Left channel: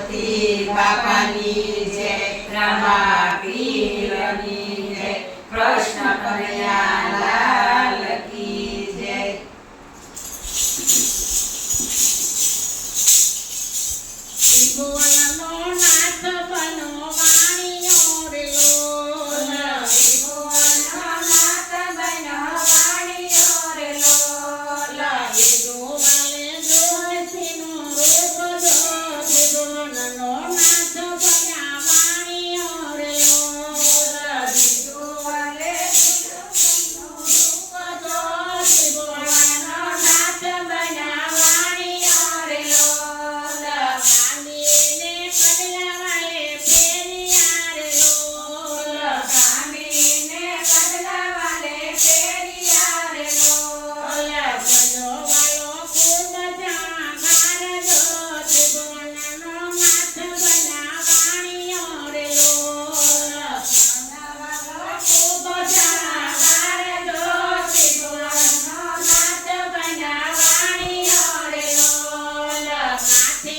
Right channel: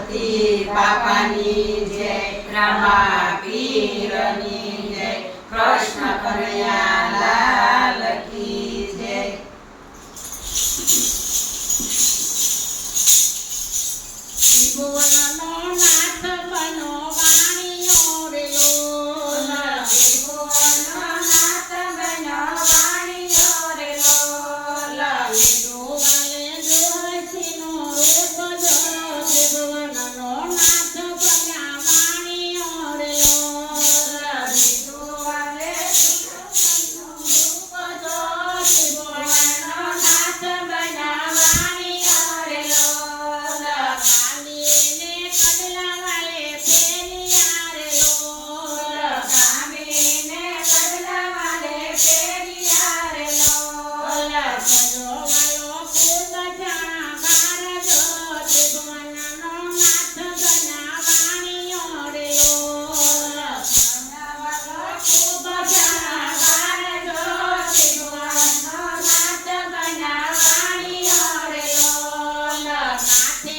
ગણપતિ બાપાની જય, રામા પીરની જય, કૃષ્ણ કનૈયા લાલ કી જય. ત્રિભુવનનો નાથ બનો વાણિયો રે લોલ, ત્રિભુવનનો નાથ બનો વાણિયો રે લોલ. લીધો વાલે જોહસીનો રૂપ જો, ત્રિભુવનનો નાથ બન્યા વાણિયો રે લોલ. લીધો વાલે જોહસીનો રૂપ જો, ત્રિભુવનનો નાથ બન્યા વાણિયો રે લોલ. કામીને કડલા વાલે ફેરિયા રે લોલ, કામીને કડલા વાલે ફેરિયા રે લોલ. ભજો વાલો કુંદ જાણકાર જો, ત્રિભુવનનો નાથ બન્યા વાણિયો રે લોલ. ખૂબ જાણકાર જો, ત્રિભુવનનો નાથ બન્યા વાણિયો રે લોલ. માથે